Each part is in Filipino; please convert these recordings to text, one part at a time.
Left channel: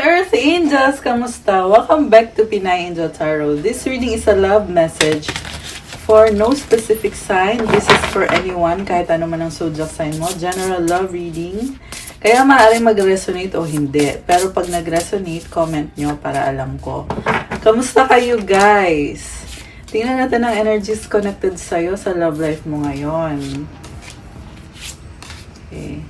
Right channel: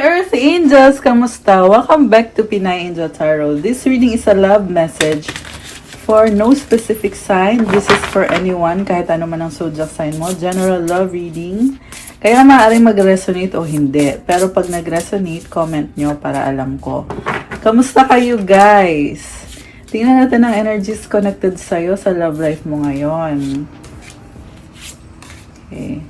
Earth Angels! Kamusta? Welcome back to Pinay Angel Tarot. This reading is a love message for no specific sign. This is for anyone, kahit ano man ang zodiac sign mo. General love reading. Kaya maaaring mag-resonate o hindi. Pero pag nag-resonate, comment nyo para alam ko. Kamusta kayo, guys? Tingnan natin ang energies connected sa'yo sa love life mo ngayon. Okay.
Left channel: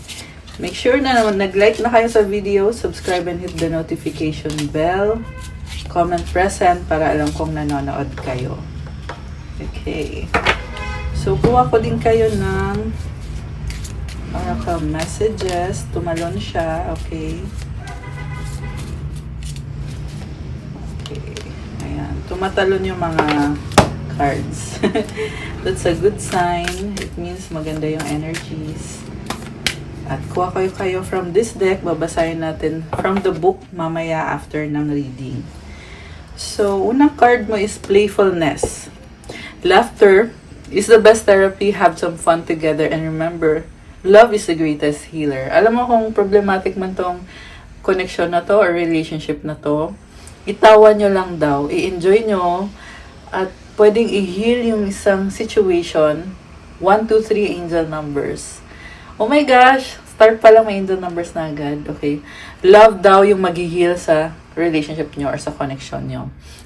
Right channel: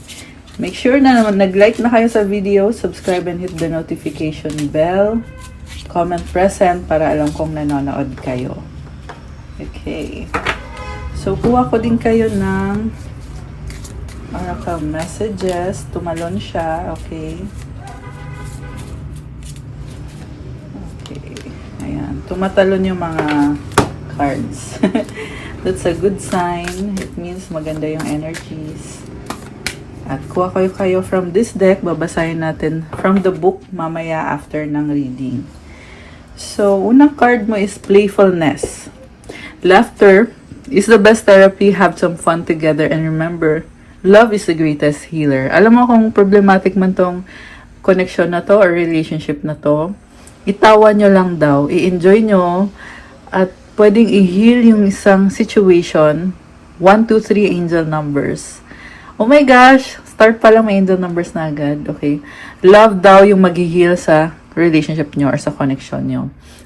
Make sure na naman nag-like na kayo sa video, subscribe and hit the notification bell. Comment present para alam kong nanonood kayo. Okay. So, kuha ko din kayo ng mga messages. Tumalon siya. Okay. Okay. Ayan. Tumatalon yung mga cards. That's a good sign. It means maganda yung energies. At kuha kayo from this deck, babasahin natin from the book mamaya after ng reading. So, unang card mo is playfulness. Laughter is the best therapy. Have some fun together and remember, love is the greatest healer. Alam mo kung problematic man tong connection na to or relationship na to, itawa nyo lang daw, i-enjoy nyo, at pwedeng i-heal yung isang situation. 1, 2, 3 angel numbers. Oh my gosh! Start pa lang, may angel numbers na agad. Okay. Love daw yung mag-heal sa relationship nyo or sa connection nyo.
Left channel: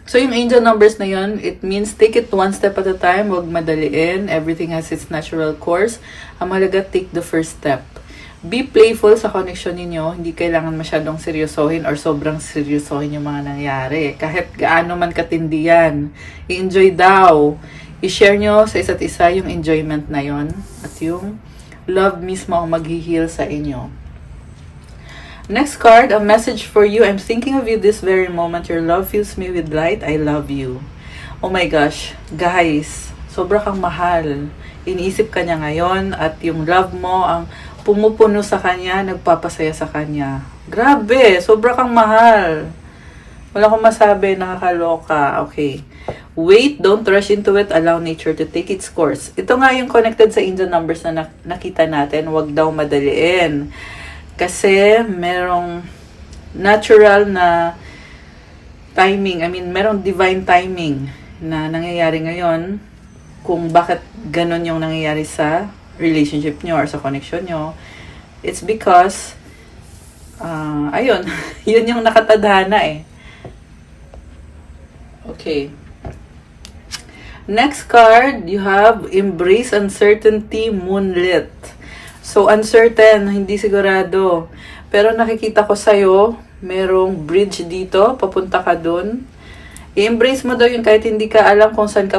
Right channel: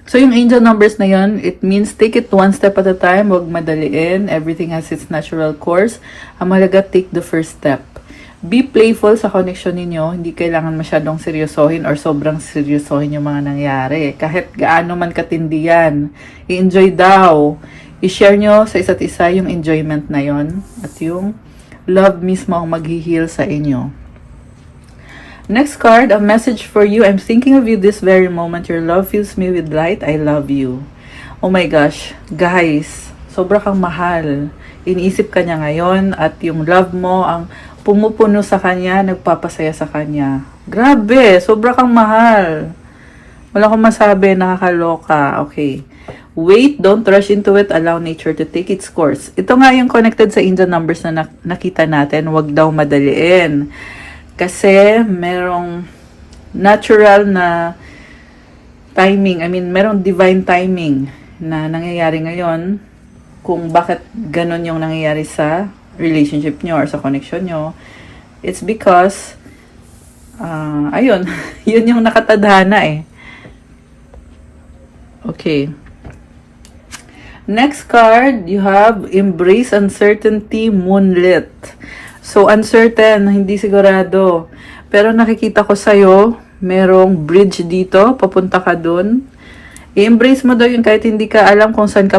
So, yung angel numbers na yun, it means take it one step at a time. Huwag madaliin. Everything has its natural course. Ang mahalaga, take the first step. Be playful sa connection ninyo. Hindi kailangan masyadong seryosohin or sobrang seryosohin yung mga nangyari. Kahit gaano man katindi yan. I-enjoy daw. I-share nyo sa isa't isa yung enjoyment na yon at yung love mismo ang mag-heal sa inyo. Next card, a message for you. I'm thinking of you this very moment. Your love fills me with light. I love you. Oh my gosh. Guys, sobra kang mahal. Iniisip ka niya ngayon at yung love mo ang pumupuno sa kanya, nagpapasaya sa kanya. Grabe, sobra kang mahal. Wala akong masabi, nakakaloka. Okay. Wait, don't rush into it. Allow nature to take its course. Ito nga yung connected sa angel numbers na nakita natin. Huwag daw madaliin. Kasi merong natural na timing. I mean, merong divine timing na nangyayari ngayon kung bakit ganun yung nangyayari sa relationship nyo or sa connection nyo. It's because, ayun, yun yung nakatadhana eh. Okay. Next card, you have Embrace Uncertainty, Moonlit. So, uncertain, hindi sigurado. Pero nakikita ko sa'yo, merong bridge dito, papunta ka dun. I-embrace mo doon kahit hindi ka alam kung saan ka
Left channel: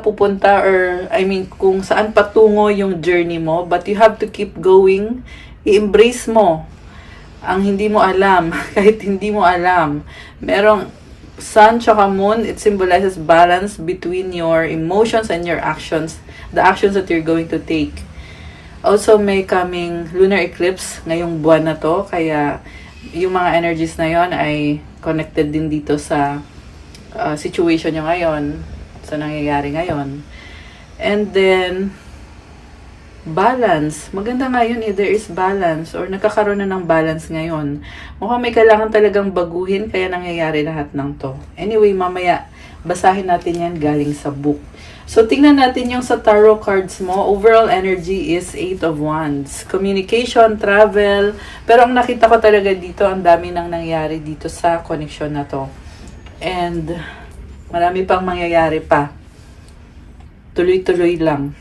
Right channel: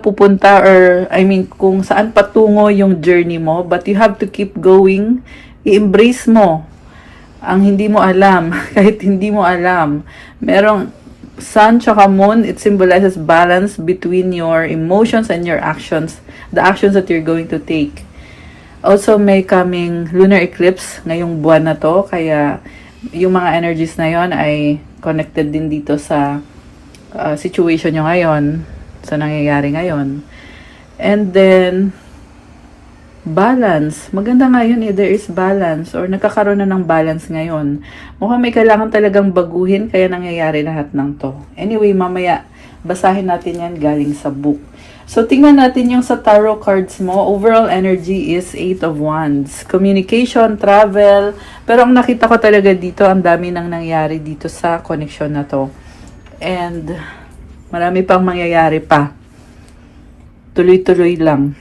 pupunta or, I mean, kung saan patungo yung journey mo. But you have to keep going. I-embrace mo ang hindi mo alam, kahit hindi mo alam. Merong Sun tsaka Moon, it symbolizes balance between your emotions and your actions, the actions that you're going to take. Also, may coming lunar eclipse ngayong buwan na to, kaya yung mga energies na yon ay connected din dito sa situation nyo ngayon, sa nangyayari ngayon. And then, balance. Maganda nga yun, there is balance or nagkakaroon na ng balance ngayon. Mukhang may kailangan talagang baguhin kaya nangyayari lahat ng to. Anyway, mamaya basahin natin yan galing sa book. So, tingnan natin yung sa tarot cards mo. Overall energy is 8 of Wands. Communication, travel. Pero ang nakita ko talaga dito, ang dami nang nangyayari dito sa connection na to. And marami pang mangyayari pa. Tuloy-tuloy lang.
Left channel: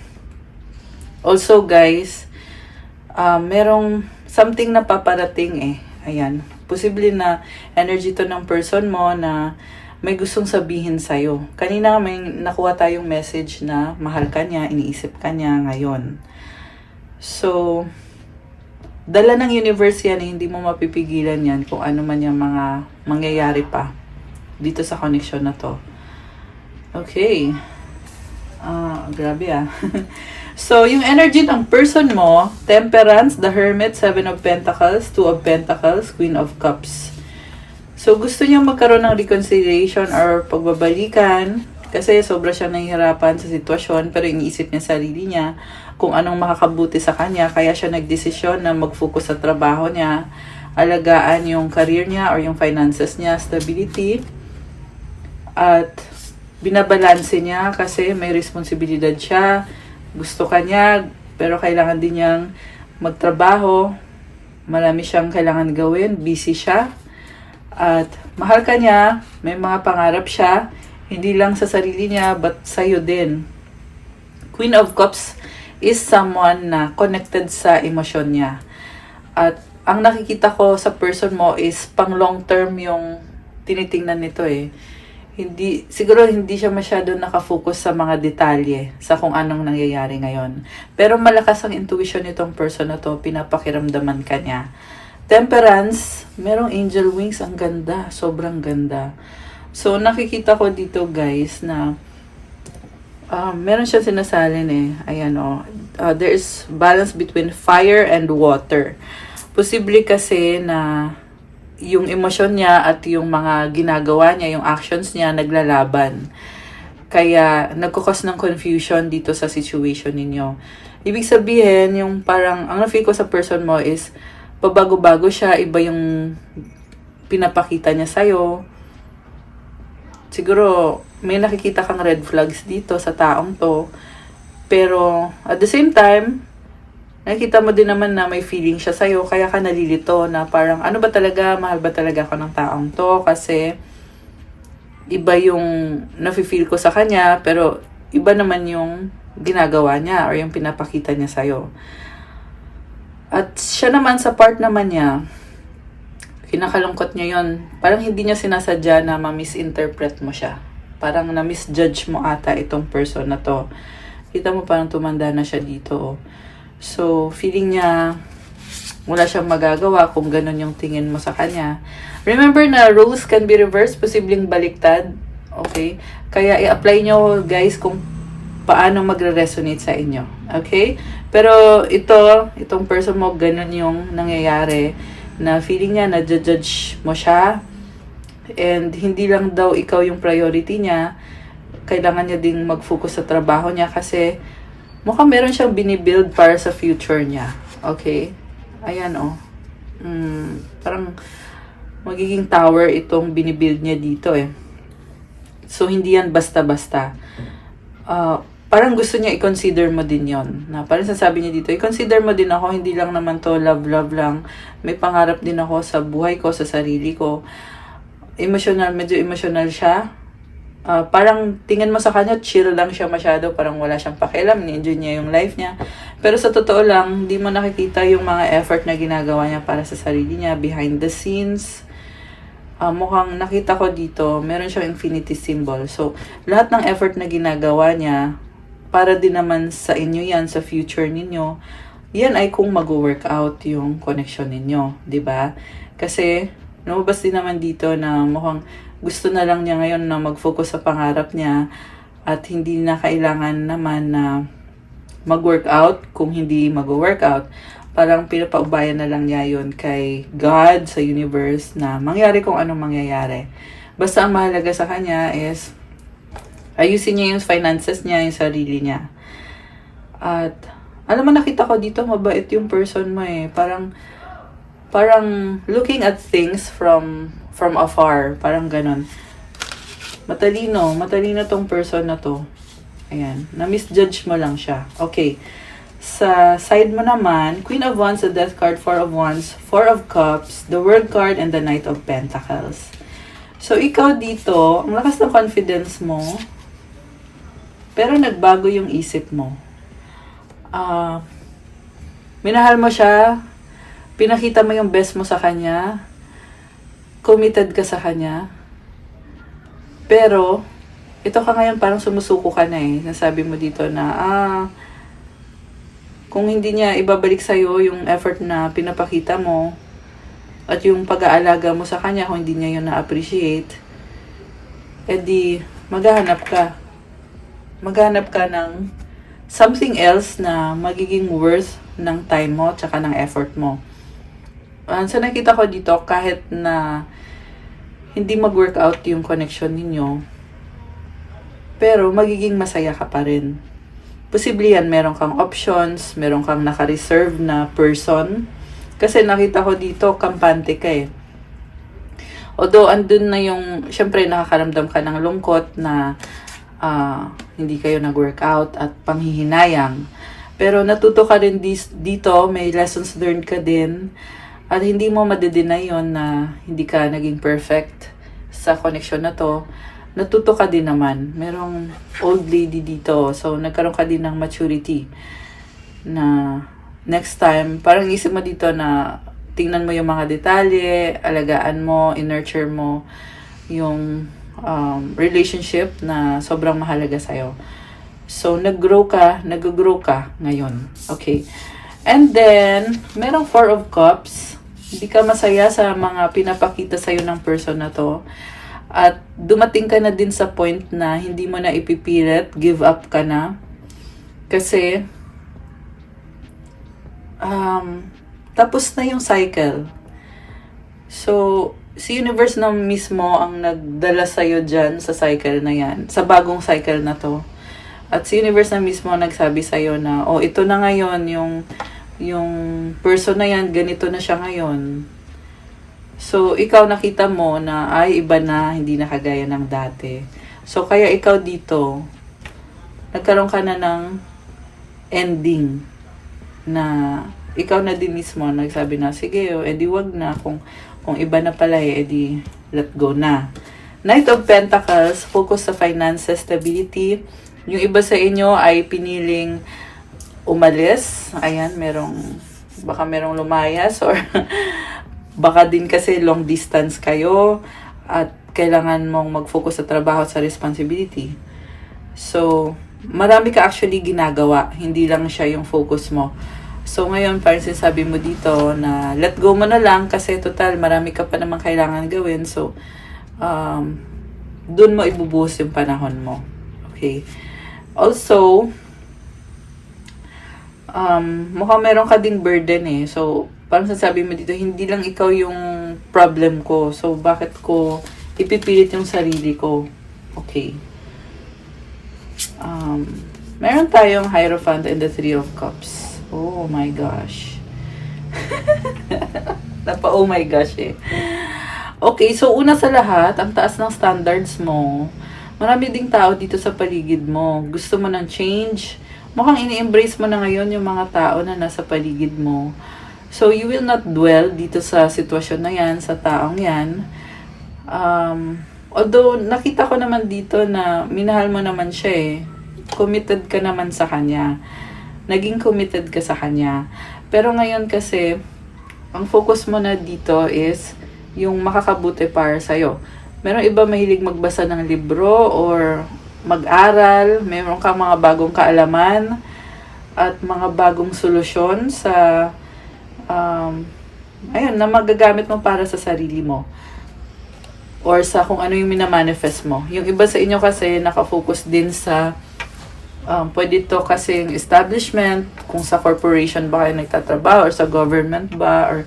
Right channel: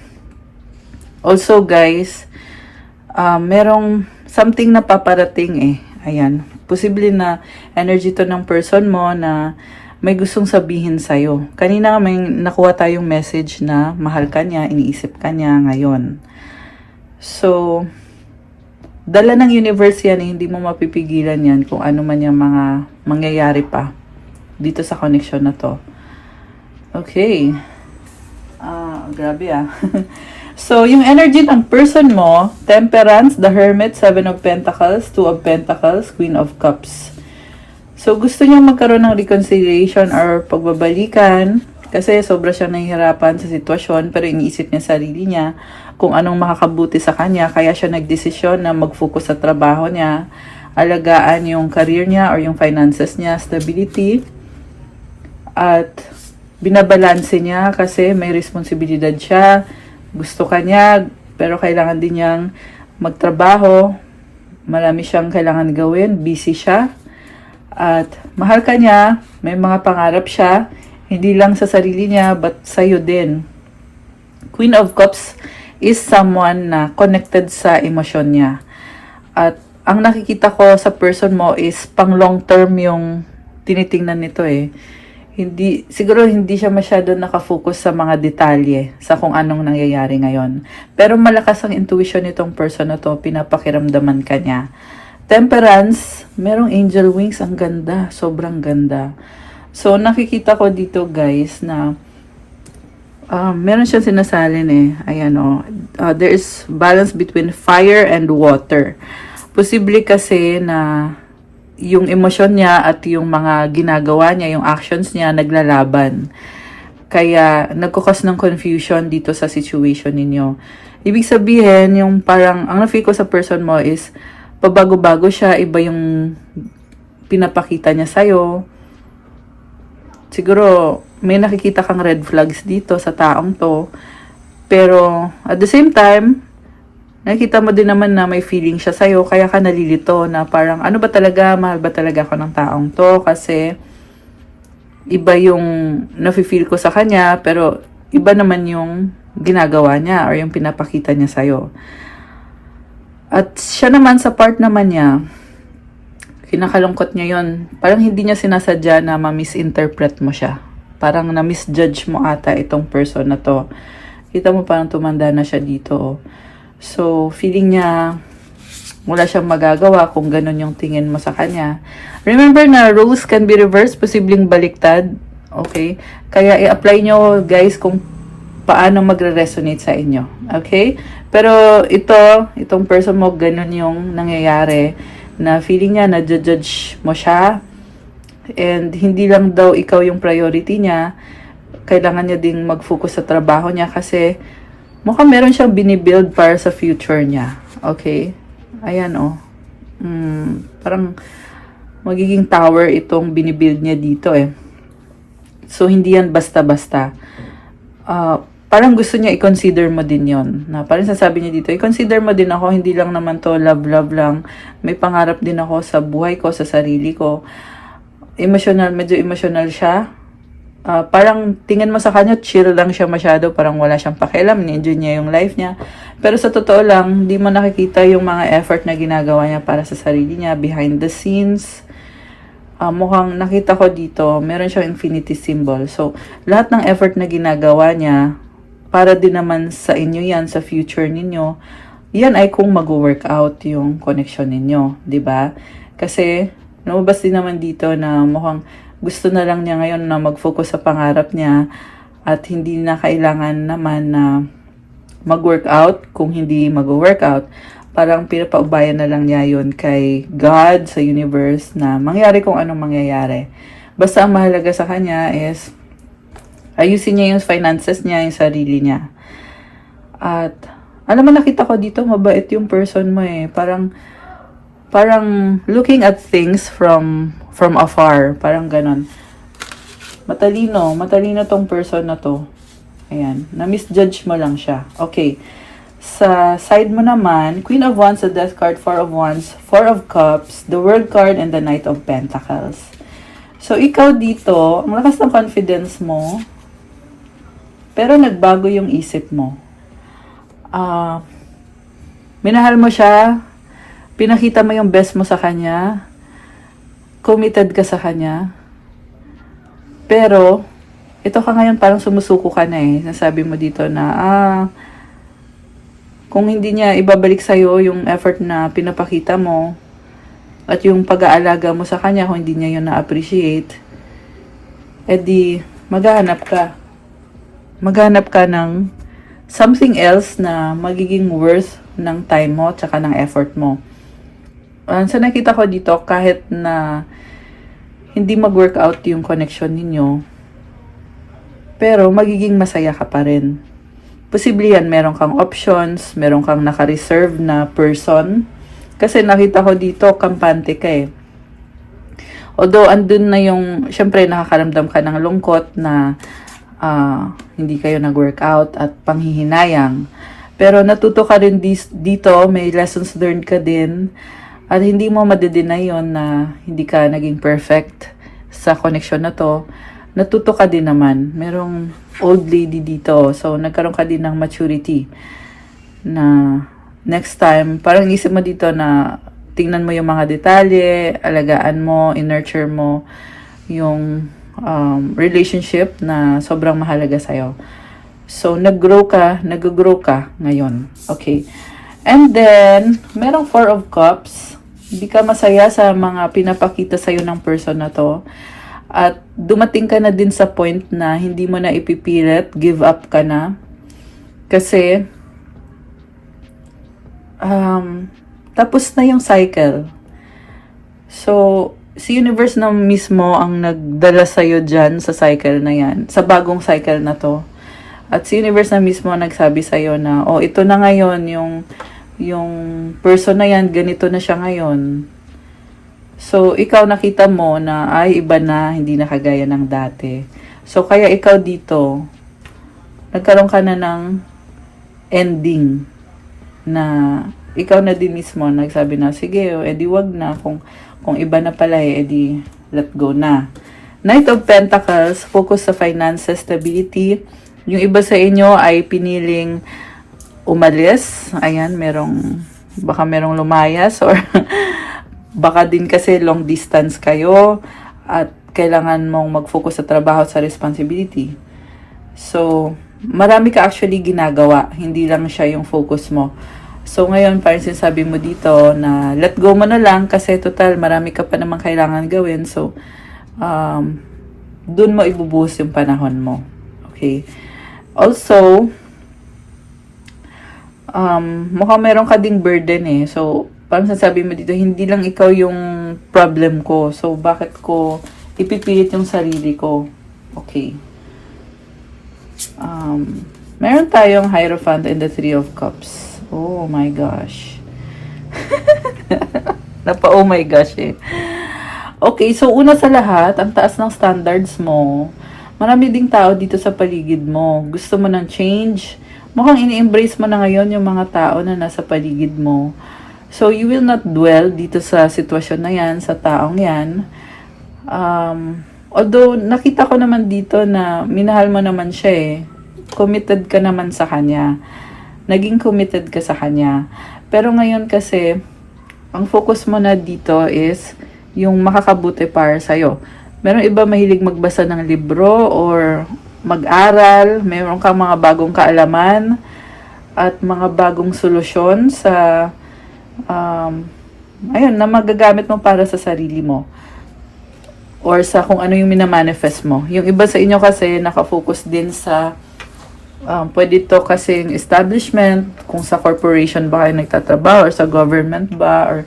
Also guys, merong something na paparating eh. Ayan. Posible na energy to ng person mo na may gustong sabihin sa'yo. Kanina may nakuha tayong message na mahal ka niya, iniisip ka niya ngayon. So, dala ng universe yan eh, hindi mo mapipigilan yan kung ano man yung mga mangyayari pa dito sa connection na to. Okay. Grabe ah. So, yung energy ng person mo, Temperance, the Hermit, 7 of Pentacles, 2 of Pentacles, Queen of Cups. So, gusto niya magkaroon ng reconciliation or pagbabalikan kasi sobra siyang nahihirapan sa sitwasyon pero iniisip niya sarili niya kung anong makakabuti sa kanya. Kaya siya nagdesisyon na mag-focus sa trabaho niya alagaan yung career niya or yung finances niya, stability. At binabalanse niya kasi may responsibilidad siya. Gusto ka niya, pero kailangan din niyang magtrabaho. Marami siyang kailangan gawin, busy siya. At mahal ka niya, may mga pangarap siya, hindi lang sa sarili niya, but sa'yo din. Queen of Cups is someone na connected sa emosyon niya. At ang nakikita ko sa person mo is pang long term yung tinitingnan nito eh. Siguro hindi siya masyado nakafocus sa mga detalye, sa kung anong nangyayari ngayon. Pero malakas ang intuition nitong person na to, pinapakiramdaman ka niya. Temperance, merong angel wings, ang ganda, sobrang ganda. So, nakikita ko dito guys na meron siyang sinasalin eh. Ayan o. There is balance between fire and water. Posible kasi na yung emosyon niya at yung mga ginagawa niya, yung actions niya, naglalaban. Kaya, nagkukos ng confusion dito sa situation ninyo. Ibig sabihin, yung parang, ang na-feel ko sa person mo is, pabago-bago siya, iba yung pinapakita niya sa'yo. Siguro, may nakikita kang red flags dito sa taong to. Pero, at the same time, nakita mo din naman na may feeling siya sa'yo, kaya ka nalilito na parang, ano ba talaga, mahal ba talaga ako ng taong to? Kasi, iba yung nafe-feel ko sa kanya, pero iba naman yung ginagawa niya or yung pinapakita niya sa'yo. At siya naman, sa part naman niya, kinakalungkot niya yun. Parang hindi niya sinasadya na ma-misinterpret mo siya. Parang na-misjudge mo ata itong person na to. Kita mo parang tumanda na siya dito. So, feeling niya wala siyang magagawa kung ganun yung tingin mo sa kanya. Remember na roles can be reversed, posibleng baliktad. Okay? Kaya i-apply nyo guys kung paano magre-resonate sa inyo. Okay? Pero itong person mo, ganun yung nangyayari na feeling niya, na-judge mo siya. And hindi lang daw ikaw yung priority niya. Kailangan niya ding mag-focus sa trabaho niya kasi mukhang meron siyang binibuild para sa future niya. Okay? Ayan oh. Parang magiging tower itong binibuild niya dito eh. So, hindi yan basta-basta. Parang gusto niya i-consider mo din yon. Na parang sasabi niya dito, i-consider mo din ako, hindi lang naman to love lang. May pangarap din ako sa buhay ko, sa sarili ko. Medyo emotional siya. Parang tingin mo sa kanya, chill lang siya masyado, parang wala siyang pakialam, ni-enjoy niya yung life niya. Pero sa totoo lang, hindi mo nakikita yung mga effort na ginagawa niya para sa sarili niya, behind the scenes. Mukhang nakita ko dito, meron siyang infinity symbol. So, lahat ng effort na ginagawa niya, para din naman sa inyo yan, sa future ninyo, yan ay kung mag-work out yung connection ninyo, di ba? Kasi, lumabas din naman dito na mukhang gusto na lang niya ngayon na mag-focus sa pangarap niya at hindi na kailangan naman na mag-workout kung hindi mag-workout. Parang pinapaubayan na lang niya yun kay God, sa universe, na mangyari kung anong mangyayari. Basta ang mahalaga sa kanya is ayusin niya yung finances niya, yung sarili niya. At alam mo, nakita ko dito, mabait yung person mo eh. Parang looking at things from afar. Parang ganun. Matalino tong person na to. Ayan. Na-misjudge mo lang siya. Okay. Sa side mo naman, Queen of Wands, the Death card, Four of Wands, Four of Cups, the World card, and the Knight of Pentacles. So, ikaw dito, ang lakas ng confidence mo, pero nagbago yung isip mo. Minahal mo siya, pinakita mo yung best mo sa kanya, committed ka sa kanya, pero, ito ka ngayon parang sumusuko ka na eh. Nasabi mo dito na, kung hindi niya ibabalik sa'yo yung effort na pinapakita mo, at yung pag-aalaga mo sa kanya, kung hindi niya yun na-appreciate, edi, maghahanap ka ng something else na magiging worth ng time mo, tsaka ng effort mo. Sa nakita ko dito, kahit na hindi mag-workout yung connection ninyo, pero magiging masaya ka pa rin. Posible yan, meron kang options, meron kang naka-reserve na person, Kasi nakita ko dito, kampante ka eh. Although, andun na yung, syempre, nakakaramdam ka ng lungkot na hindi kayo nag-workout at panghihinayang. Pero natuto ka rin dito, may lessons learned ka din. At hindi mo madedeny yun na hindi ka naging perfect sa connection na to. Natuto ka din naman. Merong old lady dito. So, nagkaroon ka din ng maturity na next time, parang isip mo dito na tingnan mo yung mga detalye, alagaan mo, in-nurture mo yung relationship na sobrang mahalaga sa'yo. So, nag-grow ka ngayon. Okay. And then, merong Four of Cups. Hindi ka masaya sa mga pinapakita sa'yo ng person na to. At dumating ka na din sa point na hindi mo na ipipilit, give up ka na. Kasi, tapos na yung cycle. So, si universe na mismo ang nagdala sa'yo dyan sa cycle na yan, sa bagong cycle na to. At si universe na mismo ang nagsabi sa'yo na, oh, ito na ngayon, yung person na yan, ganito na siya ngayon. So, ikaw nakita mo na, ay, iba na, hindi na kagaya ng dati. So, kaya ikaw dito, nagkaroon ka na ng ending na ikaw na din mismo nagsabi na, sige, edi wag na. Kung iba na pala, edi let go na. Knight of Pentacles, focus sa finances, stability. Yung iba sa inyo ay piniling umalis. Ayan, baka merong lumayas or baka din kasi long distance kayo at kailangan mong mag-focus sa trabaho at sa responsibility. So, marami ka actually ginagawa. Hindi lang siya yung focus mo. So, ngayon, parang sinasabi mo dito na let go mo na lang kasi total, marami ka pa namang kailangan gawin. So, dun mo ibubuhos yung panahon mo. Okay? Also, mukhang meron ka ding burden eh. So, parang sinasabi mo dito, hindi lang ikaw yung problem ko. So, bakit ko ipipilit yung sarili ko? Okay. Meron tayong Hierophant and the Three of Cups. Oh my gosh. Oh my gosh eh. Okay, so una sa lahat, ang taas ng standards mo. Marami ding tao dito sa paligid mo. Gusto mo ng change. Mukhang ini-embrace mo na ngayon yung mga tao na nasa paligid mo. So, you will not dwell dito sa sitwasyon na yan, sa taong yan. Although, nakita ko naman dito na minahal mo naman siya eh. Committed ka naman sa kanya. Naging committed ka sa kanya. Pero ngayon kasi, ang focus mo na dito is yung makakabuti para sa'yo. Meron iba mahilig magbasa ng libro or mag-aral. Meron ka mga bagong kaalaman at mga bagong solusyon sa ayun, na magagamit mo para sa sarili mo. Or sa kung ano yung minamanifest mo. Yung iba sa inyo kasi nakafocus din sa pwede to kasi yung establishment, kung sa corporation ba kayo nagtatrabaho, or sa government ba, or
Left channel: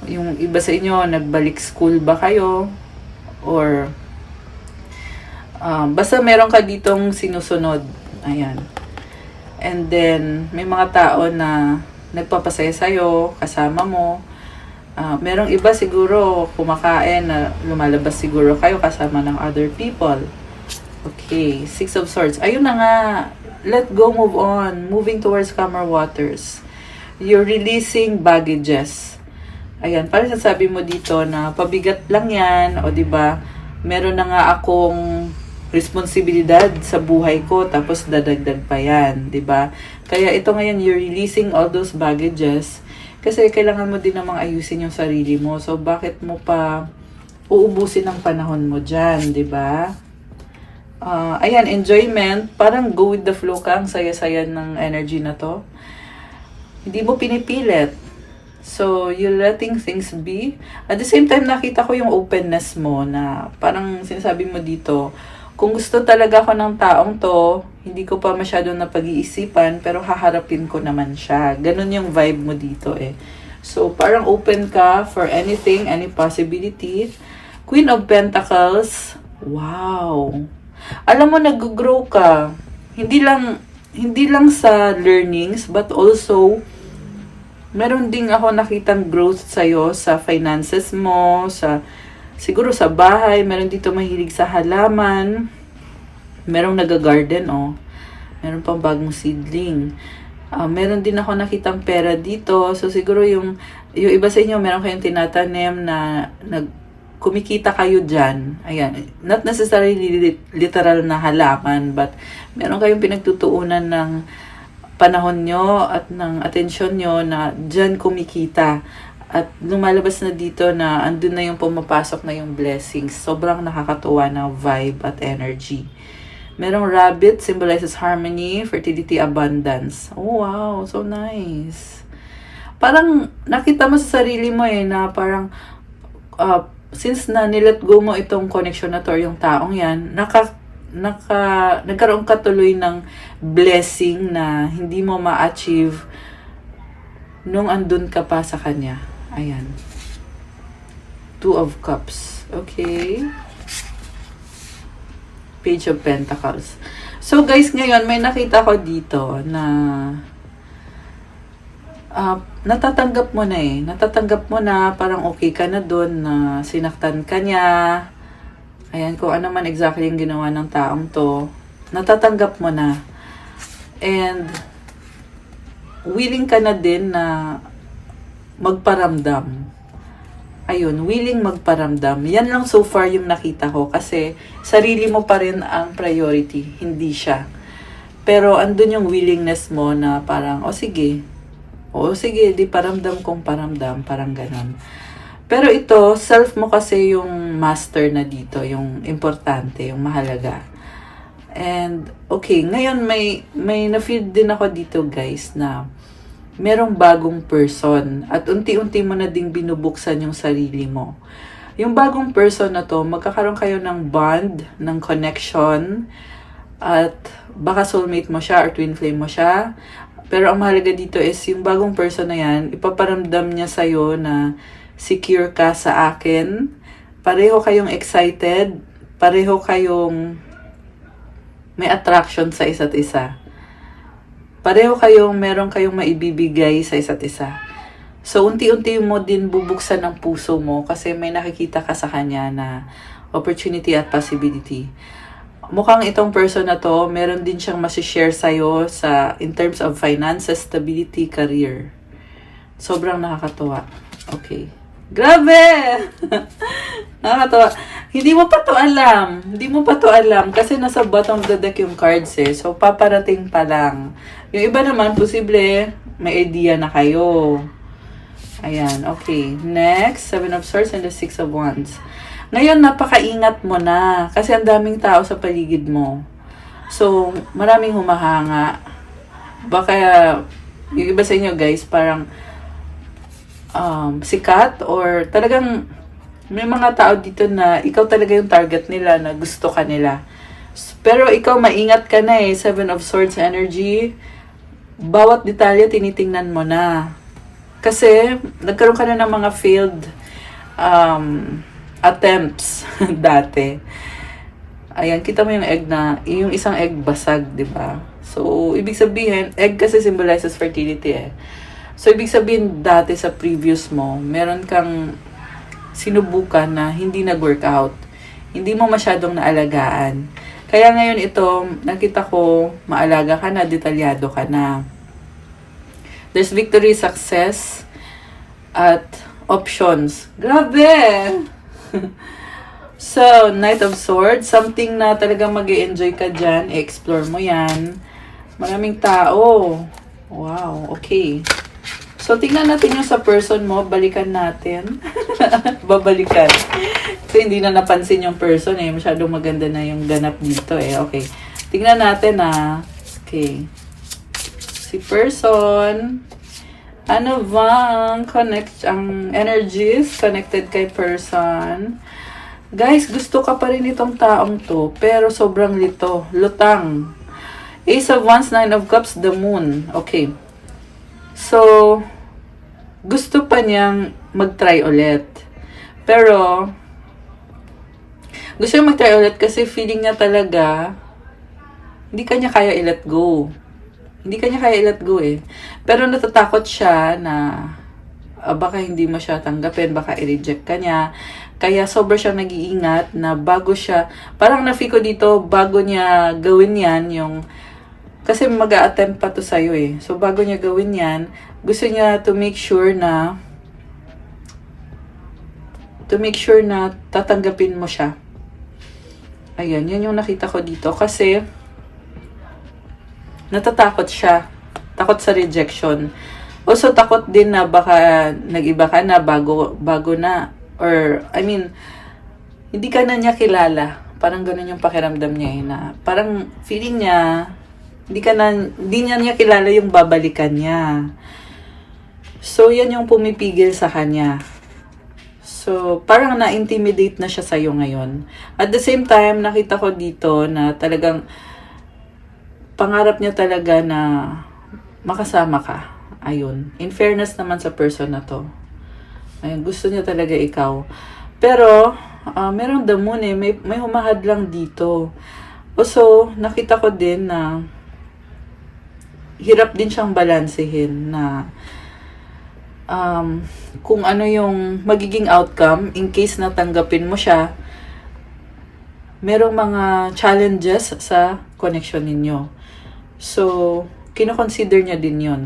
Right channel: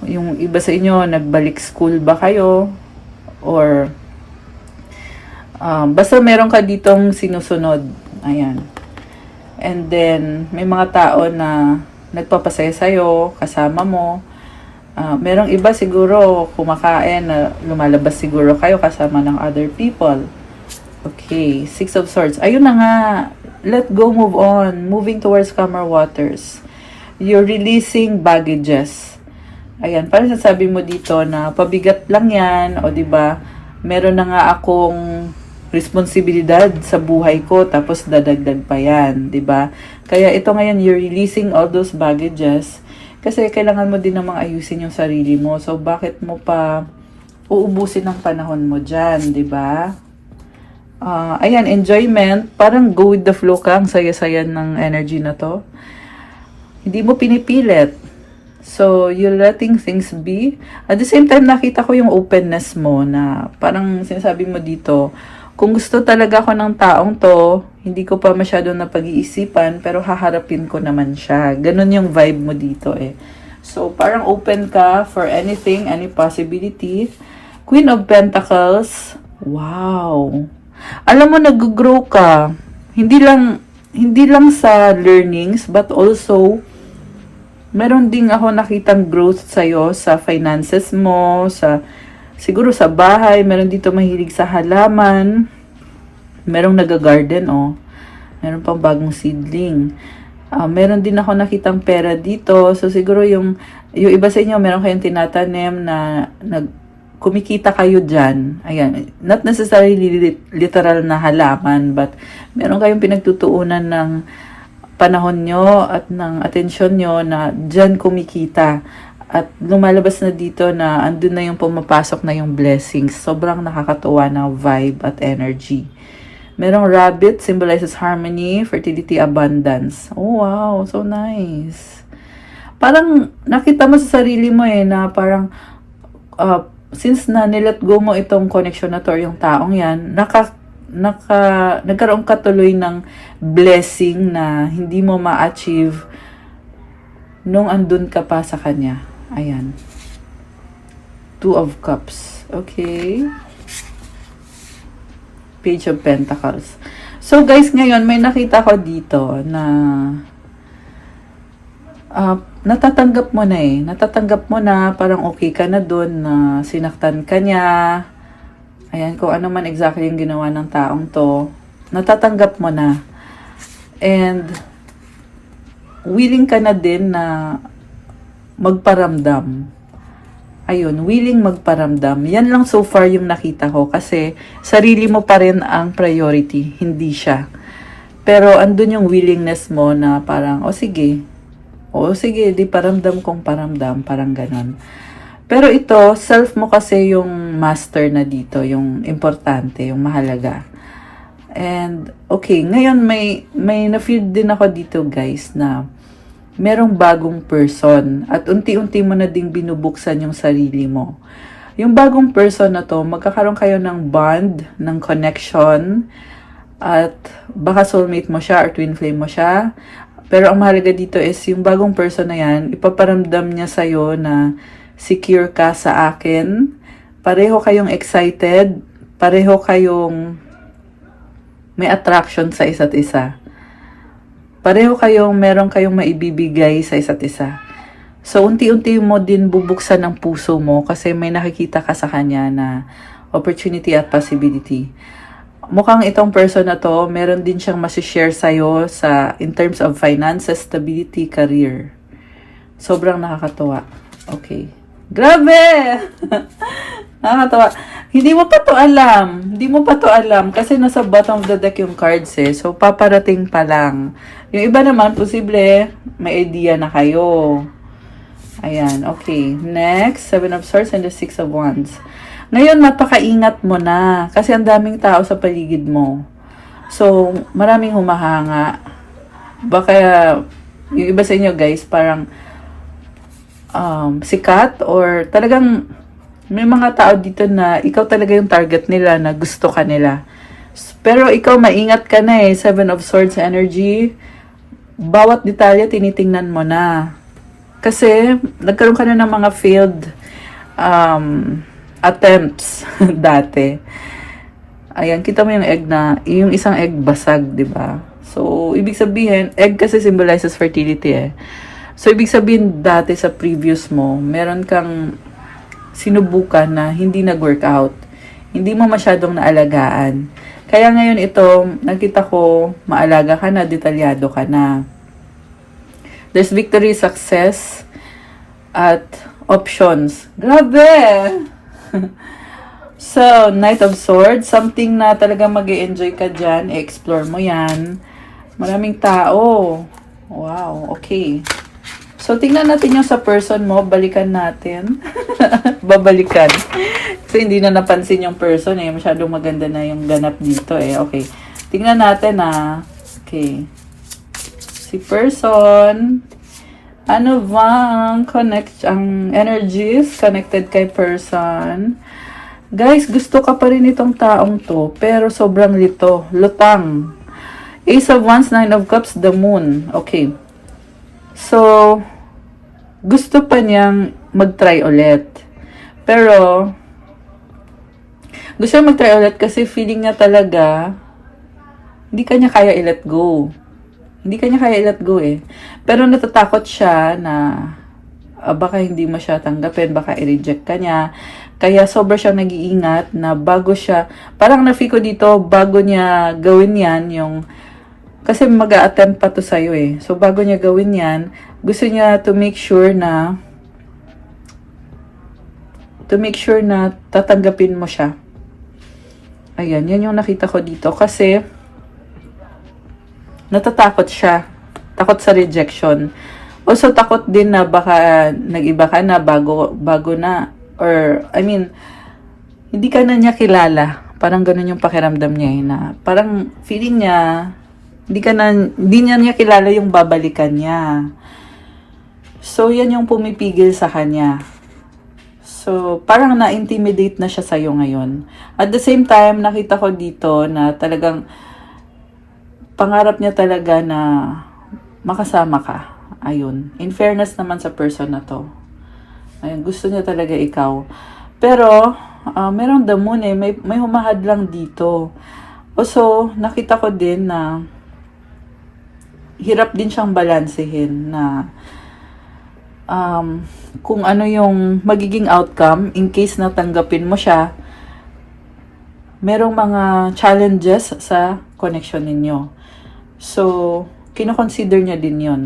yung iba sa inyo, nagbalik school ba kayo, or basta meron ka ditong sinusunod. Ayan. And then, may mga tao na nagpapasaya sa'yo, kasama mo. Merong iba siguro kumakain na lumalabas siguro kayo kasama ng other people. Okay, Six of Swords. Ayun na nga. Let go, move on. Moving towards calmer waters. You're releasing baggages. Ayan, parang sasabi mo dito na pabigat lang yan. O diba, meron na nga akong responsibilidad sa buhay ko, tapos dadagdag pa yan. Diba? Kaya ito ngayon, you're releasing all those baggages. Kasi kailangan mo din namang ayusin yung sarili mo. So, bakit mo pa uubusin ang panahon mo dyan, diba? Ayan, enjoyment. Parang go with the flow ka. Ang saya-saya ng energy na to. Hindi mo pinipilit. So, you're letting things be. At the same time, nakita ko yung openness mo na parang sinasabi mo dito, kung gusto talaga ako ng taong to, hindi ko pa masyadong napag-iisipan, pero haharapin ko naman siya. Ganun yung vibe mo dito eh. So, parang open ka for anything, any possibility. Queen of Pentacles. Wow! Alam mo, nag-grow ka. Hindi lang sa learnings, but also Meron ding ako nakitang growth sa'yo sa finances mo, siguro sa bahay. Meron dito mahilig sa halaman. Merong nag-garden, oh. Meron pang bagong seedling. Meron din ako nakitang pera dito. So, siguro yung iba sa inyo, meron kayong tinatanim na kumikita kayo dyan. Ayan. Not necessarily literal na halaman, but meron kayong pinagtutuunan ng panahon nyo at ng atensyon nyo na dyan kumikita. At lumalabas na dito na andun na yung pumapasok na yung blessings. Sobrang nakakatuwa na vibe at energy. Merong rabbit, symbolizes harmony, fertility, abundance. Oh, wow. So nice. Parang nakita mo sa sarili mo na parang since na nilet go mo itong connection na to or yung taong yan, nagkaroon ka tuloy ng blessing na hindi mo ma-achieve nung andun ka pa sa kanya. Ayan. 2 of Cups. Okay. Page of Pentacles. So guys, ngayon may nakita ko dito na natatanggap mo na Natatanggap mo na, parang okay ka na dun na sinaktan ka niya. Ayan, kung ano man exactly yung ginawa ng taong to, natatanggap mo na. And willing ka na din na magparamdam. Ayun, willing magparamdam. Yan lang so far yung nakita ko kasi sarili mo pa rin ang priority, hindi siya. Pero andun yung willingness mo na parang, sige, di paramdam kong paramdam, parang ganun. Pero ito, self mo kasi yung master na dito, yung importante, yung mahalaga. And, okay, ngayon may na-feel din ako dito guys na merong bagong person at unti-unti mo na ding binubuksan yung sarili mo. Yung bagong person na to, magkakaroon kayo ng bond, ng connection, at baka soulmate mo siya or twin flame mo siya. Pero ang mahalaga dito is yung bagong person na yan, ipaparamdam niya sa'yo na secure ka sa akin. Pareho kayong excited, pareho kayong may attraction sa isa't isa. Pareho meron kayong maibibigay sa isa't isa. So, unti-unti mo din bubuksan ang puso mo kasi may nakikita ka sa kanya na opportunity at possibility. Mukhang itong person na to, meron din siyang masishare sa'yo in terms of finances, stability, career. Sobrang nakakatuwa. Okay. Grabe! Nakakatawa. Hindi mo pa to alam. Kasi nasa bottom of the deck yung cards So, paparating pa lang. Yung iba naman, posible, may idea na kayo. Ayan, okay. Next, 7 of Swords and the 6 of Wands. Ngayon, napakaingat mo na. Kasi ang daming tao sa paligid mo. So, maraming humahanga. Baka, yung iba sa inyo guys, parang sikat or talagang may mga tao dito na ikaw talaga yung target nila na gusto ka nila. Pero ikaw maingat ka na 7 of Swords energy. Bawat detalye tinitingnan mo na. Kasi nagkaroon ka na ng mga failed attempts dati. Ayan, kita mo yung egg yung isang egg basag, di ba? So, ibig sabihin, egg kasi symbolizes fertility So, ibig sabihin dati sa previous mo, meron kang sinubukan na hindi nag-workout. Hindi mo masyadong naalagaan. Kaya ngayon ito, nakita ko, maalaga ka na, detalyado ka na. There's victory, success, at options. Grabe! So, Knight of Swords, something na talaga mag-e-enjoy ka dyan, i-explore mo yan. Maraming tao. Wow, okay. So, tingnan natin yung sa person mo. Balikan natin. Babalikan. So, hindi na napansin yung person Masyadong maganda na yung ganap dito Okay. Tingnan natin Okay. Si person. Ano bang ang energies connected kay person? Guys, gusto ka pa rin itong taong to. Pero sobrang lutang. Ace of Wands, 9 of Cups, the Moon. Okay. So, gusto pa niyang mag-try ulit. Pero, gusto niya mag-try ulit kasi feeling niya talaga, hindi kanya kaya i-let go. Hindi kanya kaya i-let go eh. Pero natatakot siya na baka hindi mo siya tanggapin, baka i-reject ka niya. Kaya sobra siyang nag-iingat na bago siya, parang na-feel ko dito, bago niya gawin yan, kasi mag-a-attempt pa to sa'yo eh. So, bago niya gawin yan, gusto niya to make sure na tatanggapin mo siya. Ayan, yan yung nakita ko dito. Kasi, natatakot siya. Takot sa rejection. Also, takot din na baka nag-iba ka na bago na. Or, I mean, hindi ka na niya kilala. Parang ganun yung pakiramdam niya eh, na parang feeling niya, hindi niya kilala yung babalikan niya. So, yan yung pumipigil sa kanya. So, parang na-intimidate na siya sa'yo ngayon. At the same time, nakita ko dito na talagang pangarap niya talaga na makasama ka. Ayun. In fairness naman sa person na to. Ayun, gusto niya talaga ikaw. Pero, merong the moon eh. May humahad lang dito. Also, nakita ko din na hirap din siyang balansehin na kung ano yung magiging outcome in case na tanggapin mo siya. Merong mga challenges sa connection ninyo. So, kino-consider niya din yon.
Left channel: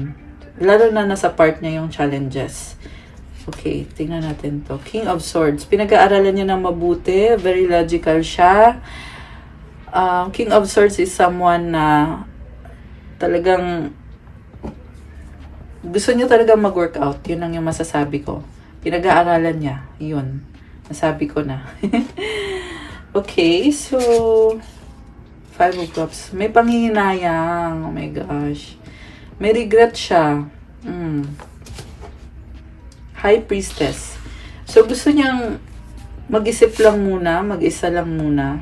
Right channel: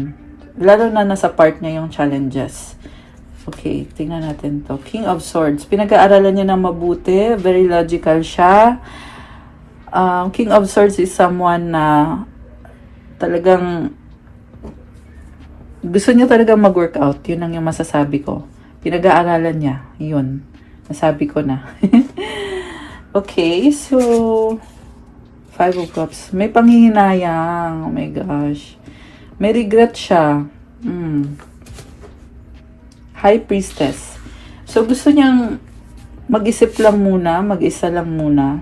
Lalo na nasa part niya yung challenges. Okay, tingnan natin to. King of Swords. Pinag-aaralan niya ng mabuti. Very logical siya. King of Swords is someone na talagang gusto niya talagang mag-workout. Yun ang yung masasabi ko. Pinag-aaralan niya. Yun. Nasabi ko na. Okay, so 5 of Cups. May panghihinayang. Oh my gosh. May regret siya. High Priestess. So, gusto niyang mag-isip lang muna, mag-isa lang muna.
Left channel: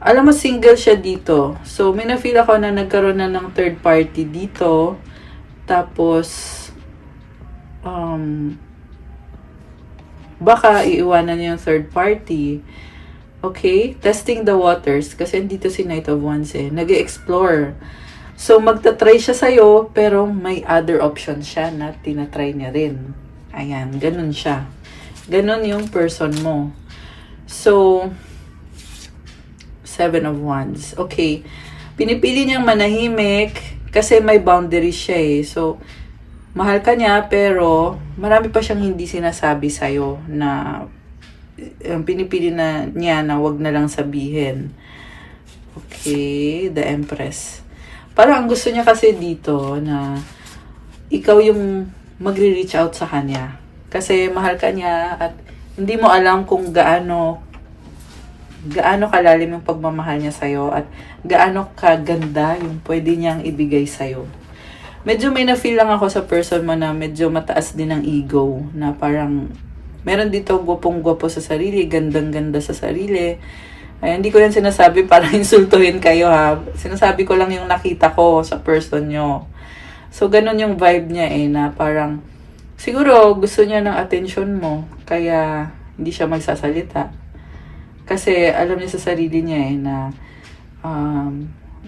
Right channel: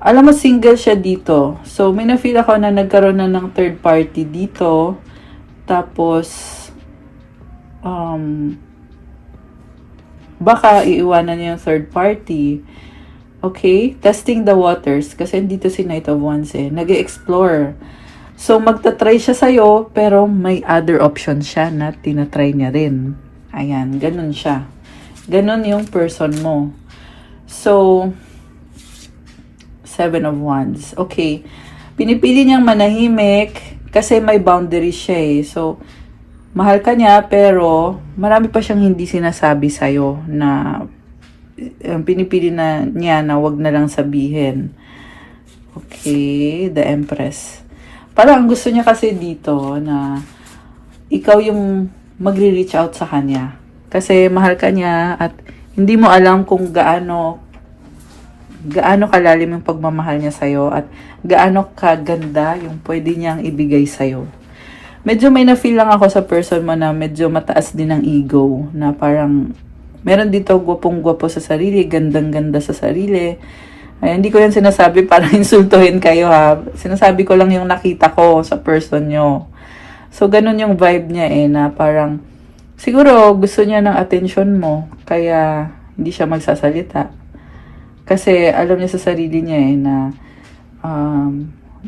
Alam mo, single siya dito. So, may na-feel ako na nagkaroon na ng third party dito. Tapos, baka iiwanan niya yung third party. Okay? Testing the waters. Kasi dito si Knight of Wands eh. Nag-explore. So, magta-try siya sa'yo, pero may other option siya na tinatry niya rin. Ayan, ganun siya. Ganun yung person mo. So, 7 of Wands. Okay. Pinipili niyang manahimik kasi may boundaries siya eh. So, mahal ka niya pero marami pa siyang hindi sinasabi sa'yo na pinipili na niya na wag na lang sabihin. Okay, the Empress. Parang ang gusto niya kasi dito na ikaw yung magre-reach out sa kanya. Kasi mahal ka niya at hindi mo alam kung gaano kalalim yung pagmamahal niya sa'yo at gaano kaganda yung pwede niyang ibigay sa'yo. Medyo may na-feel lang ako sa person mo na medyo mataas din ang ego. Na parang meron dito gwapong-gwapo sa sarili, gandang-ganda sa sarili. Ay, hindi ko yan sinasabi para insultuhin kayo ha. Sinasabi ko lang yung nakita ko sa person nyo. So, ganun yung vibe niya eh, na parang, siguro gusto niya ng attention mo, kaya hindi siya magsasalita. Kasi alam niya sa sarili niya eh, na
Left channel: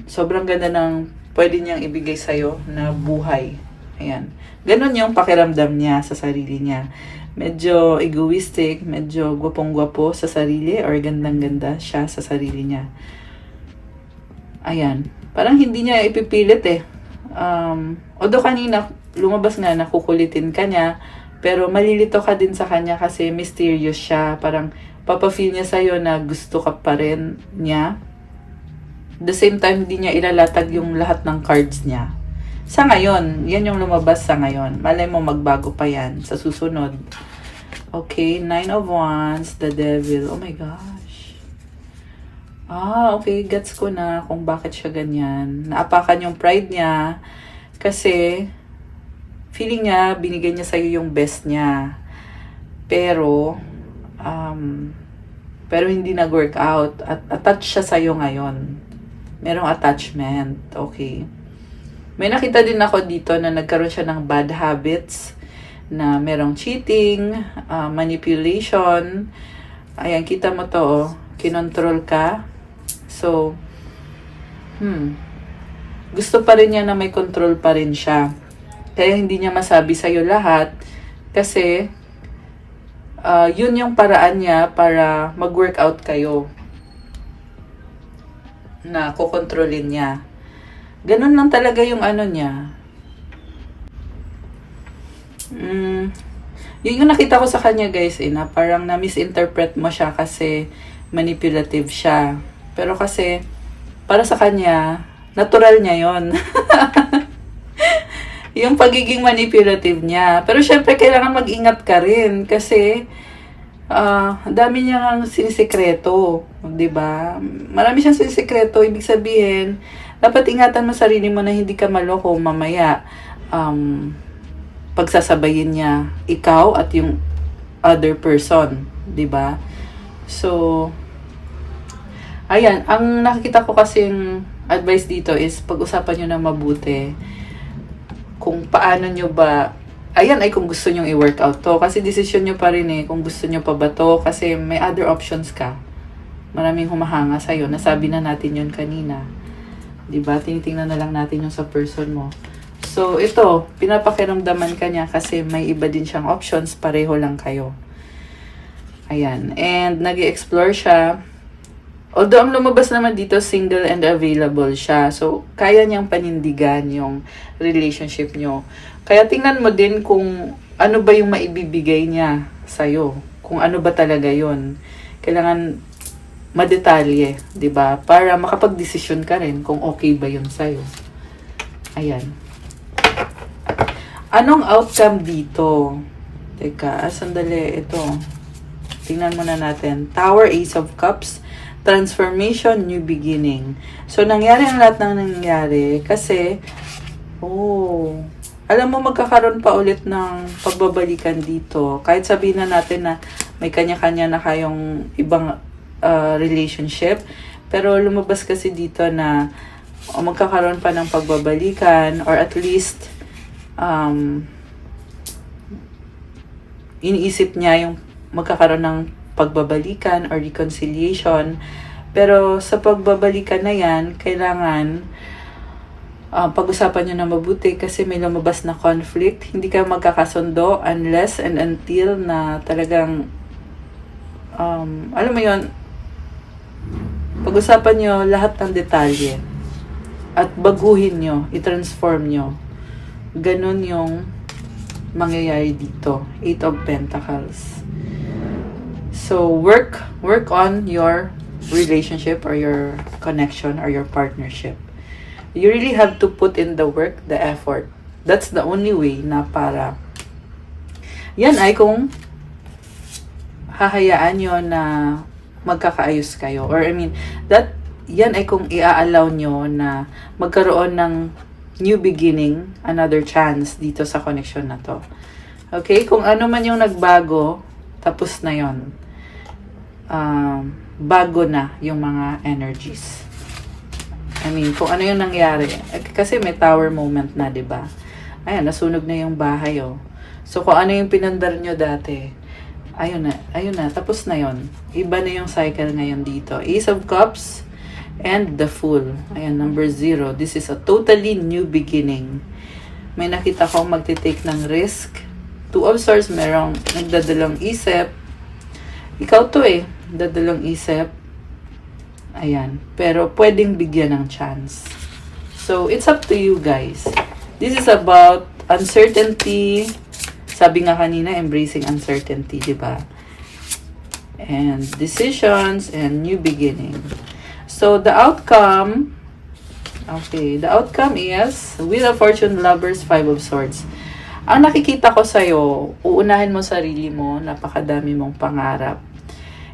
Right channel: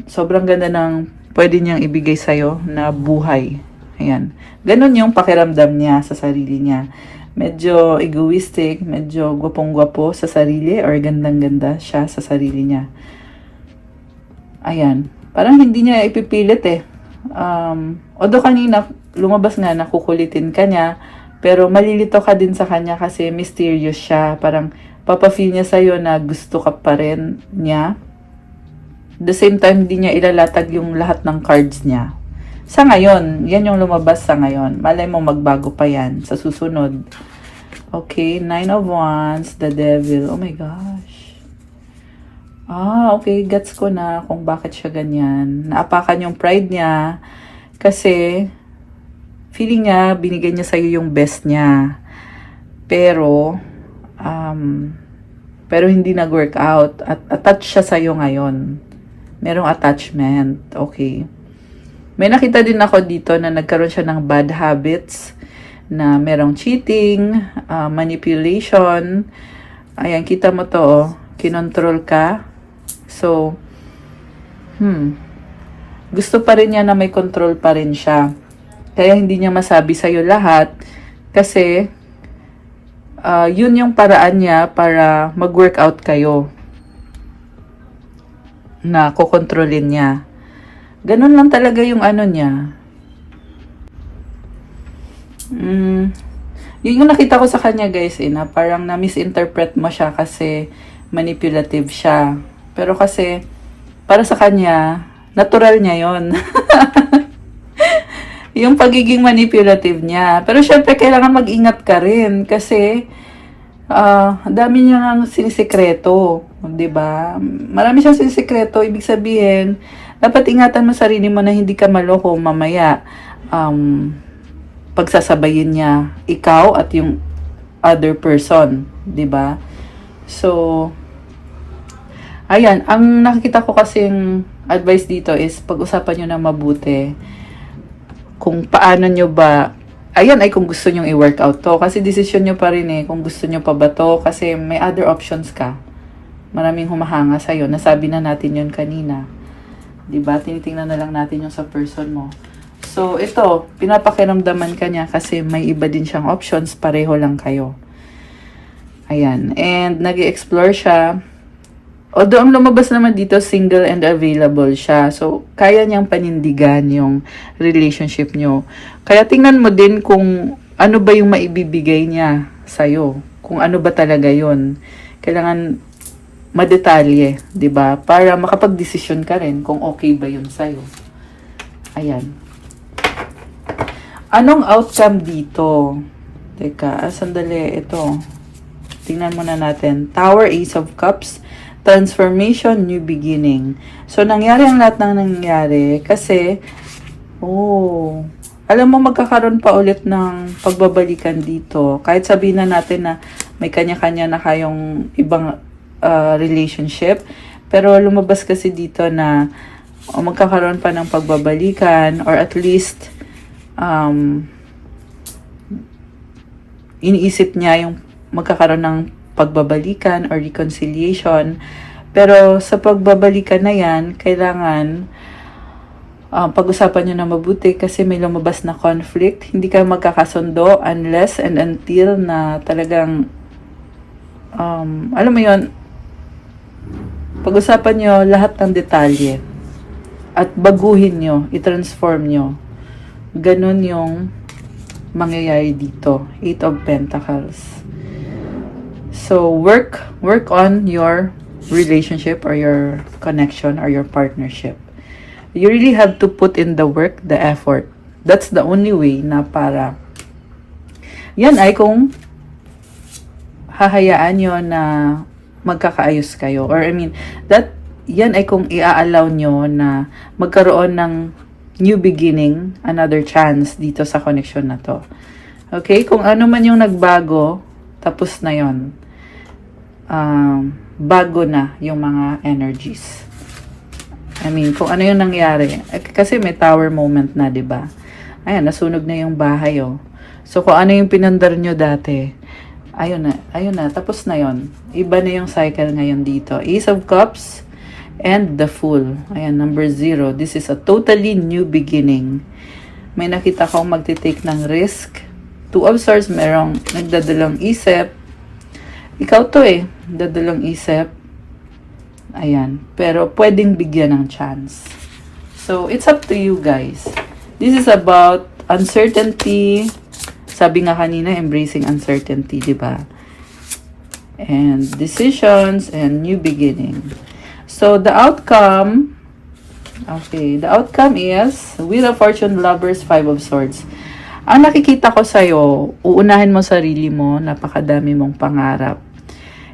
sobrang ganda ng pwede niyang ibigay sa'yo na buhay. Ayan. Ganun yung pakiramdam niya sa sarili niya. Medyo egoistic, medyo gwapong-gwapo sa sarili, or gandang-ganda siya sa sarili niya. Ayan. Parang hindi niya ipipilit eh. Although kanina, lumabas nga na kukulitin ka niya, pero malilito ka din sa kanya kasi mysterious siya. Parang papafeel niya sa'yo na gusto ka pa rin niya. The same time, hindi niya ilalatag yung lahat ng cards niya. Sa ngayon, yan yung lumabas sa ngayon. Malay mo magbago pa yan sa susunod. Okay, 9 of Wands, the Devil. Oh my gosh. Okay, gets ko na kung bakit siya ganyan. Naapakan yung pride niya kasi feeling niya, binigay niya sa'yo yung best niya. Pero hindi nag-work out. At attached siya sa'yo ngayon. Merong attachment. Okay. May nakita din ako dito na nagkaroon siya ng bad habits, na merong cheating, manipulation. Ayan, kita mo to, kinontrol ka. So, gusto pa rin niya na may control pa rin siya. Kaya hindi niya masabi sa'yo lahat kasi yun yung paraan niya para mag-workout kayo na kukontrolin niya. Ganun lang talaga yung ano niya. Yun yung nakita ko sa kanya guys na parang na-misinterpret mo siya kasi manipulative siya. Pero kasi para sa kanya, natural niya yon. Yung pagiging manipulative niya. Pero syempre kailangan mag-ingat ka rin kasi ang dami niyang sinisekreto, 'di ba? Marami siyang sinisekreto, ibig sabihin, dapat ingatan mo sarili mo na hindi ka maloko mamaya. Pagsasabayin niya ikaw at yung other person, 'di ba? So ayan, ang nakikita ko kasing advice dito is pag-usapan niyo na mabuti kung paano niyo ba. Ayan ay kung gusto niyo i-workout to kasi decision niyo pa rin kung gusto niyo pa ba to kasi may other options ka. Maraming humahanga sa iyo. Nasabi na natin 'yon kanina. 'Di ba? Tinitingnan na lang natin yung sa person mo. So, ito, pinapakiramdaman ka niya kasi may iba din siyang options, pareho lang kayo. Ayan. And, nag-explore siya. Although, ang lumabas naman dito, single and available siya. So, kaya niyang panindigan yung relationship niyo. Kaya, tingnan mo din kung ano ba yung maibibigay niya sa'yo. Kung ano ba talaga yon. Kailangan madetalye, 'di ba? Para makapag-desisyon ka rin kung okay ba yun sa'yo. Ayan. Anong outcome dito? Teka, sandali. Ito. Tingnan muna natin. Tower, Ace of Cups, Transformation, New Beginning. So, nangyari ang lahat ng nangyari kasi, alam mo, magkakaroon pa ulit ng pagbabalikan dito. Kahit sabihin na natin na may kanya-kanya na kayong ibang relationship. Pero lumabas kasi dito na magkakaroon pa ng pagbabalikan or at least iniisip niya yung magkakaroon ng pagbabalikan or reconciliation. Pero sa pagbabalikan na yan, kailangan pag-usapan nyo na mabuti kasi may lumabas na conflict. Hindi kayo magkakasundo unless and until na talagang alam mo yun, pag-usapan nyo lahat ng detalye at baguhin nyo, i-transform nyo. Ganun yung mangyayari dito. 8 of Pentacles. So, work on your relationship or your connection or your partnership. You really have to put in the work, the effort. That's the only way na para yan ay kung hahayaan nyo na magkakaayos kayo. Or yan ay kung i-allow nyo na magkaroon ng new beginning, another chance dito sa connection na to. Okay? Kung ano man yung nagbago, tapos na yon. Bago na yung mga energies. Kung ano yung nangyari. Kasi may tower moment na, di ba? Ayan, nasunog na yung bahay, oh. So, kung ano yung pinandar nyo dati, ayun na, tapos na yon. Iba na yung cycle ngayon dito. Ace of Cups and the Fool. Ayan, number 0. This is a totally new beginning. May nakita kong magtitake ng risk. 2 of Swords, merong nagdadalong isip. Ikaw to nagdadalong isip. Ayan. Pero pwedeng bigyan ng chance. So, it's up to you guys. This is about uncertainty. Sabi nga kanina, embracing uncertainty, di ba? And decisions and new beginning. So, the outcome is Wheel of Fortune, Lovers, 5 of Swords. Ang nakikita ko sa'yo, uunahin mo sarili mo, napakadami mong pangarap.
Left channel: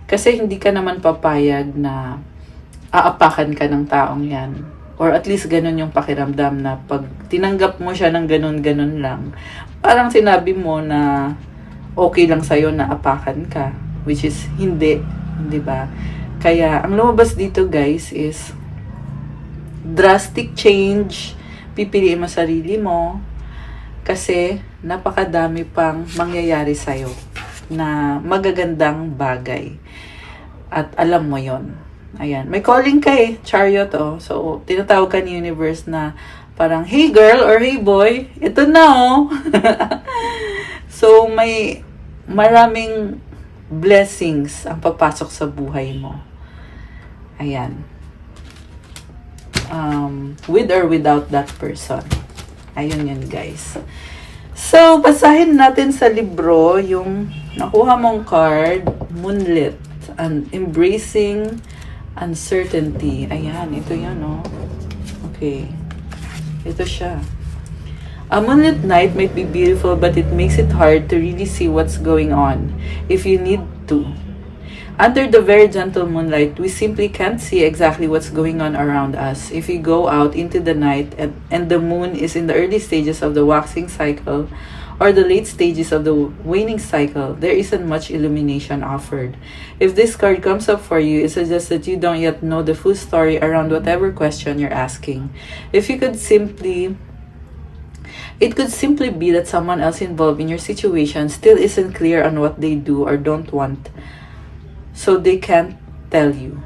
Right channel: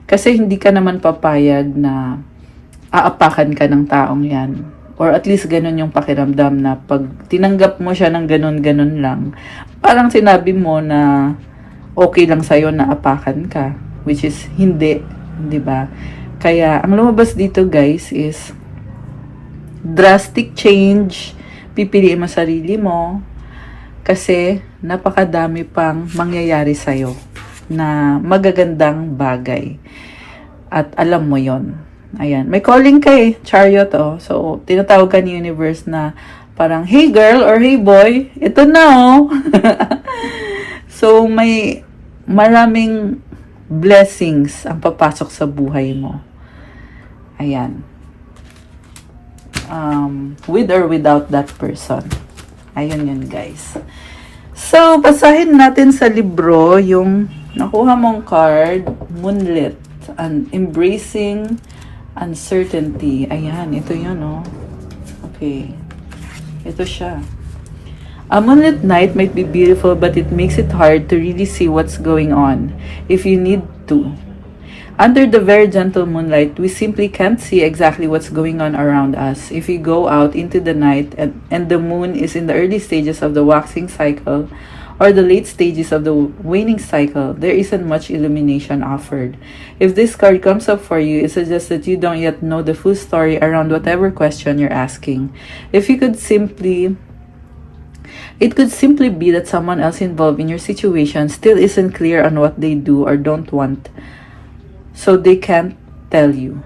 Kasi hindi ka naman papayag na aapakan ka ng taong yan. Or at least ganun yung pakiramdam na pag tinanggap mo siya ng ganun-ganun lang, parang sinabi mo na okay lang sa'yo na apakan ka. Which is hindi, di ba? Kaya, ang lumabas dito guys is drastic change. Pipiliin mo sarili mo kasi napakadami pang mangyayari sa'yo na magagandang bagay. At alam mo yon, Ayan. May calling ka eh, Chariot, oh. So, tinatawag ka ni Universe na parang, hey girl or hey boy, ito na, oh. So, may maraming blessings ang papasok sa buhay mo. Ayan. With or without that person. Ayun yun, guys. So, basahin natin sa libro yung nakuha mong card, Moonlit, and Embracing Uncertainty. Ayan, ito yun, oh. Okay. Ito siya. A moonlit night might be beautiful, but it makes it hard to really see what's going on if you need to. Under the very gentle moonlight, we simply can't see exactly what's going on around us. If we go out into the night and the moon is in the early stages of the waxing cycle or the late stages of the waning cycle, there isn't much illumination offered. If this card comes up for you, it suggests that you don't yet know the full story around whatever question you're asking. It could simply be that someone else involved in your situation still isn't clear on what they do or don't want, so they can't tell you.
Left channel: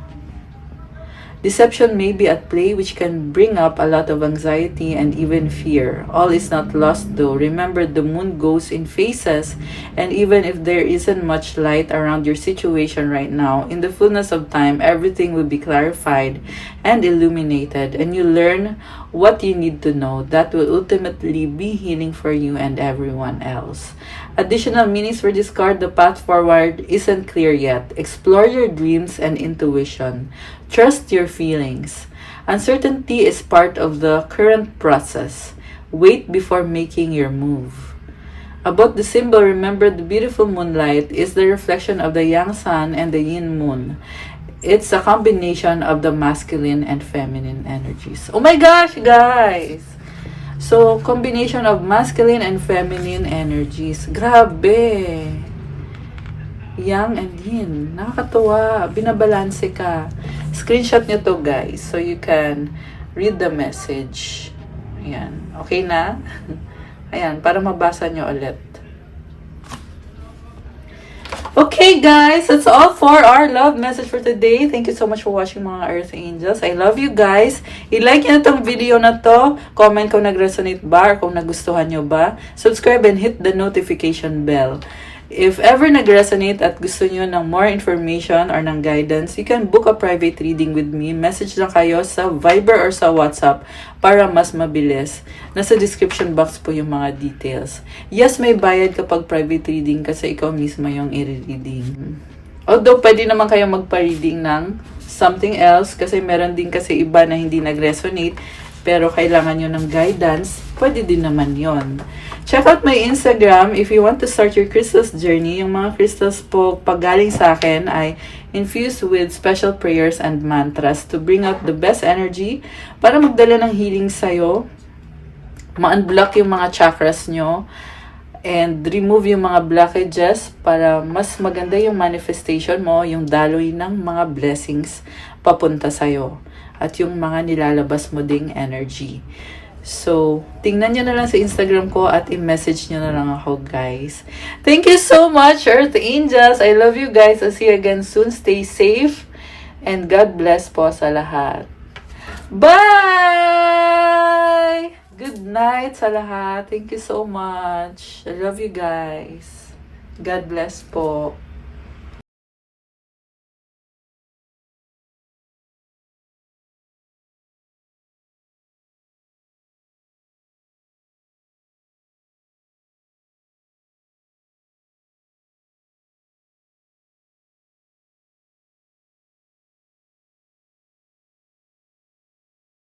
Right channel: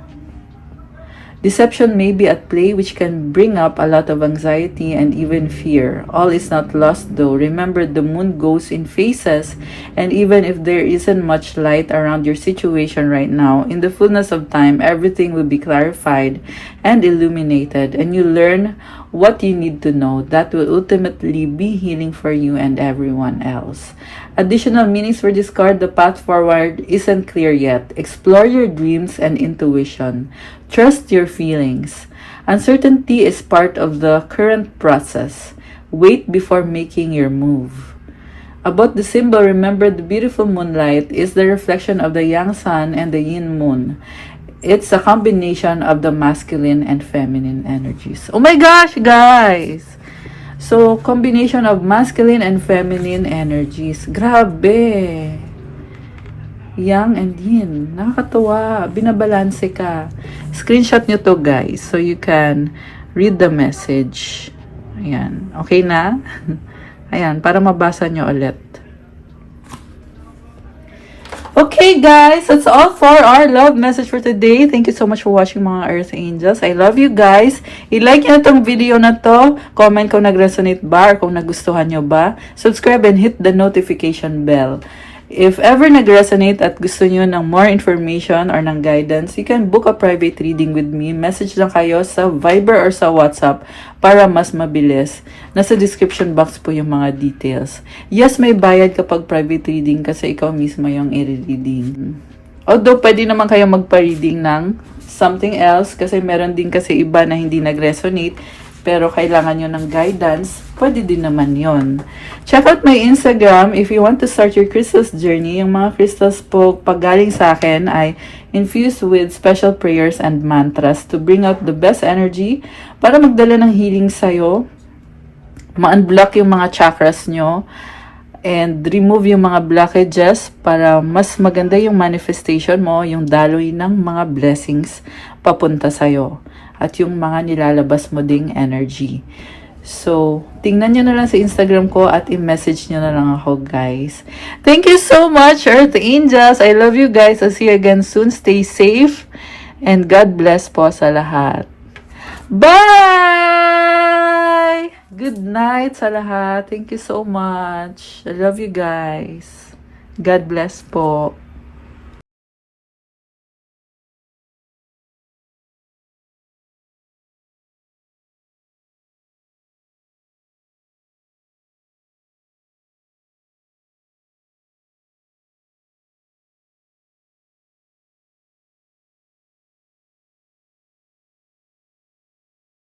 Deception may be at play, which can bring up a lot of anxiety and even fear. All is not lost though. Remember, the moon goes in phases, and even if there isn't much light around your situation right now, in the fullness of time, everything will be clarified and illuminated, and you learn what you need to know. That will ultimately be healing for you and everyone else. Additional meanings for this card: the path forward isn't clear yet. Explore your dreams and intuition. Trust your feelings. Uncertainty is part of the current process. Wait before making your move. About the symbol, remember the beautiful moonlight is the reflection of the yang sun and the yin moon. It's a combination of the masculine and feminine energies. Oh my gosh, guys! So, combination of masculine and feminine energies. Grabe! Yang and yin. Nakakatuwa. Binabalanse ka. Screenshot nyo to, guys. So, you can read the message. Ayan. Okay na? Ayan. Para mabasa nyo ulit. Okay, guys, that's all for our love message for today. Thank you so much for watching, mga Earth Angels. I love you guys. I-like nyo itong video na to. Comment kung nag-resonate ba or kung nagustuhan nyo ba. Subscribe and hit the notification bell. If ever nag-resonate at gusto nyo ng more information or ng guidance, you can book a private reading with me. Message lang kayo sa Viber or sa WhatsApp para mas mabilis. Nasa description box po yung mga details. Yes, may bayad kapag private reading kasi ikaw mismo yung i-reading. Although, pwede naman kayo magpa-reading ng something else kasi meron din kasi iba na hindi nag-resonate pero kailangan nyo ng guidance, pwede din naman yon. Check out my Instagram if you want to start your crystals journey. Yung mga crystals po paggaling sa akin ay infused with special prayers and mantras to bring out the best energy para magdala ng healing sa'yo, ma-unblock yung mga chakras nyo, and remove yung mga blockages para mas maganda yung manifestation mo, yung daloy ng mga blessings papunta sa'yo at yung mga nilalabas mo ding energy. So, tingnan nyo na lang sa Instagram ko at i-message nyo na lang ako, guys. Thank you so much, Earth Angels. I love you guys. I'll see you again soon. Stay safe and God bless po sa lahat. Bye! Good night sa lahat. Thank you so much. I love you guys. God bless po.